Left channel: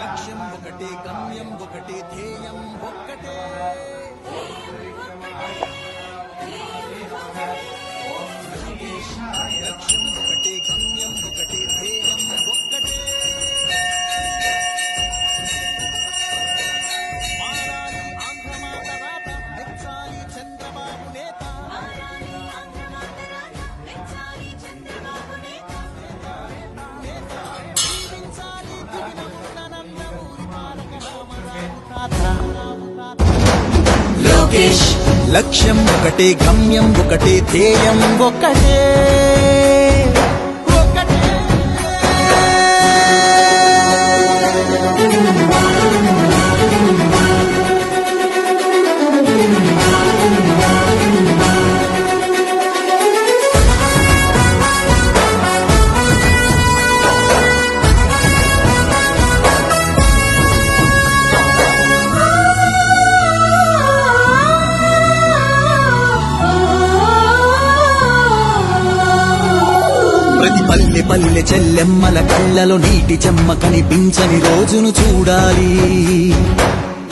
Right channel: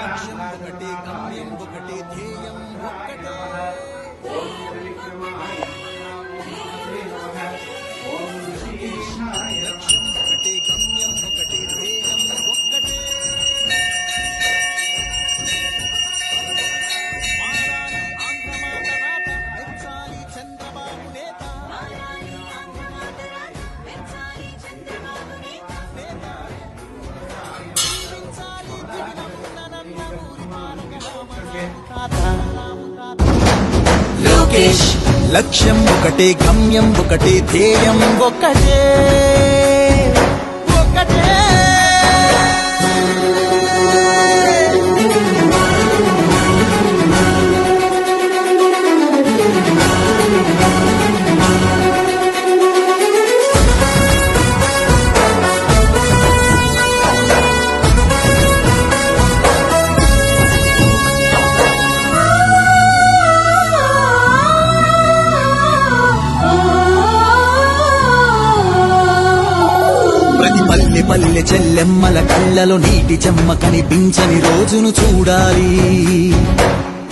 లక్ష్యం ఒకటే, గమ్యం ఒకటే, ధ్యేయం ఒక్కటే. లక్ష్యం ఒకటే, గమ్యం ఒకటే, ధ్యేయం ఒక్కటే. మారాలి ఆంధ్రమాత రాత, మెచ్చాలి చంద్రబాబు నేత. లోకేష్ లక్ష్యం ఒకటే, గమ్యం ఒకటే, ధ్యేయం ఒకటే. ప్రతి పల్లె పల్లె చెల్లెమ్మల కళ్ళలో నీటి చెమ్మ కనిపించని రోజును చూడాలి.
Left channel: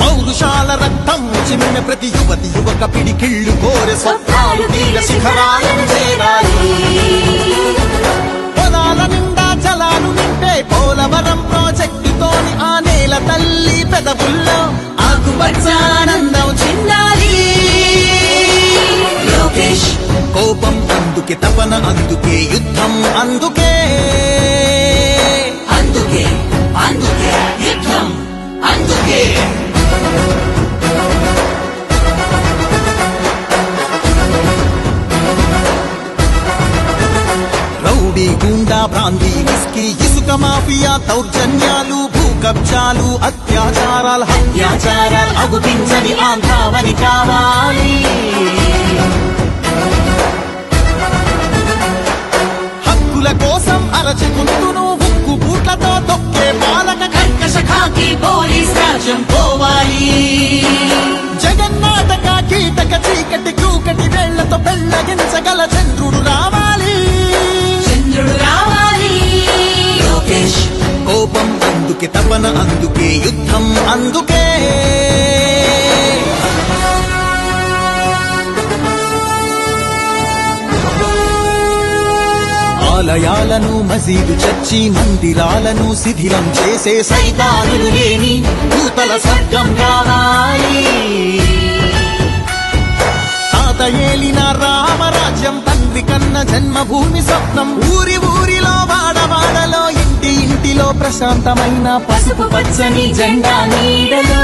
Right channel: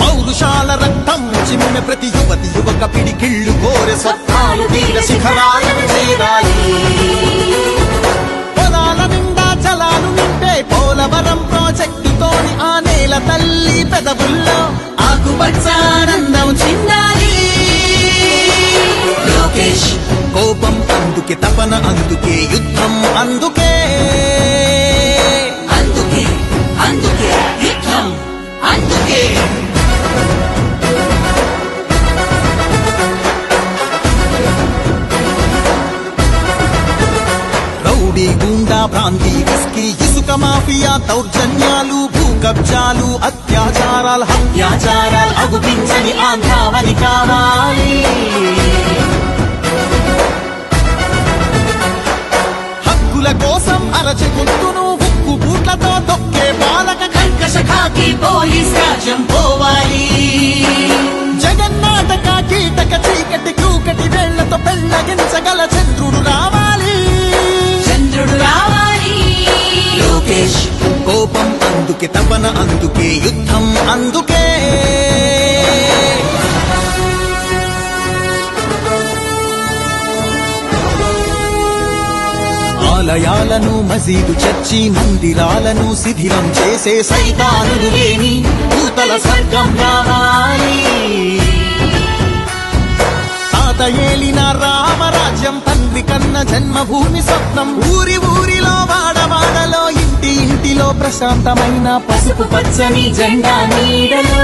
పౌరుషాల రక్తం చిమ్మె ప్రతి యువతి యువక పిడికిళ్ళు కోరె స్వప్నాలు తీర శిఖరాలను చేరాలి. పొలాల నిండా జలాలు నింపే పోలవరం ప్రాజెక్టుతోని ఆ నేల తల్లి పెదవుల్లో ఆకుపచ్చానందం చిందాలి. లోకేష్ కోపం అందుకే, తపన అందుకే, యుద్ధం అందుకే. అందుకే అందుకే యుద్ధం అందుకే. రౌడీ గూండా ప్రాంతీ విస్కీ ఇసుక మాఫియా దౌర్జన్యాలు భూ కబ్జాలు అత్యాచారాలు హత్యాచారాలు అగుపించని ఆంధ్రావని కావాలి. హక్కుల కోసం అరచి గొంతును ఉక్కు బూట్లతో తొక్కే పాలక కర్కశ ఖాకీ పోలీస్ రాజ్యం పోవాలి. జగన్నాటక కీటక చీకటి కూకటి వేళ్లతో పెళ్లగించగల చంద్రుడు రావాలి. చంద్రుడు రావాలి. లోకేష్ కోపం అందుకే, తపన అందుకే, యుద్ధం అందుకే. ఆలయాలను మసీదు చర్చి మందిరాలను శిథిలం చేసే సైతానులు లేని భూతల స్వర్గం రావాలి. తాత ఏలిన రామరాజ్యం తండ్రి కన్న జన్మభూమి స్వప్నం. ఊరి ఊరిలో వాడవాడలో ఇంటి ఇంటిలో ప్రశాంతమైన పసుపు పచ్చని జెండా నీడలో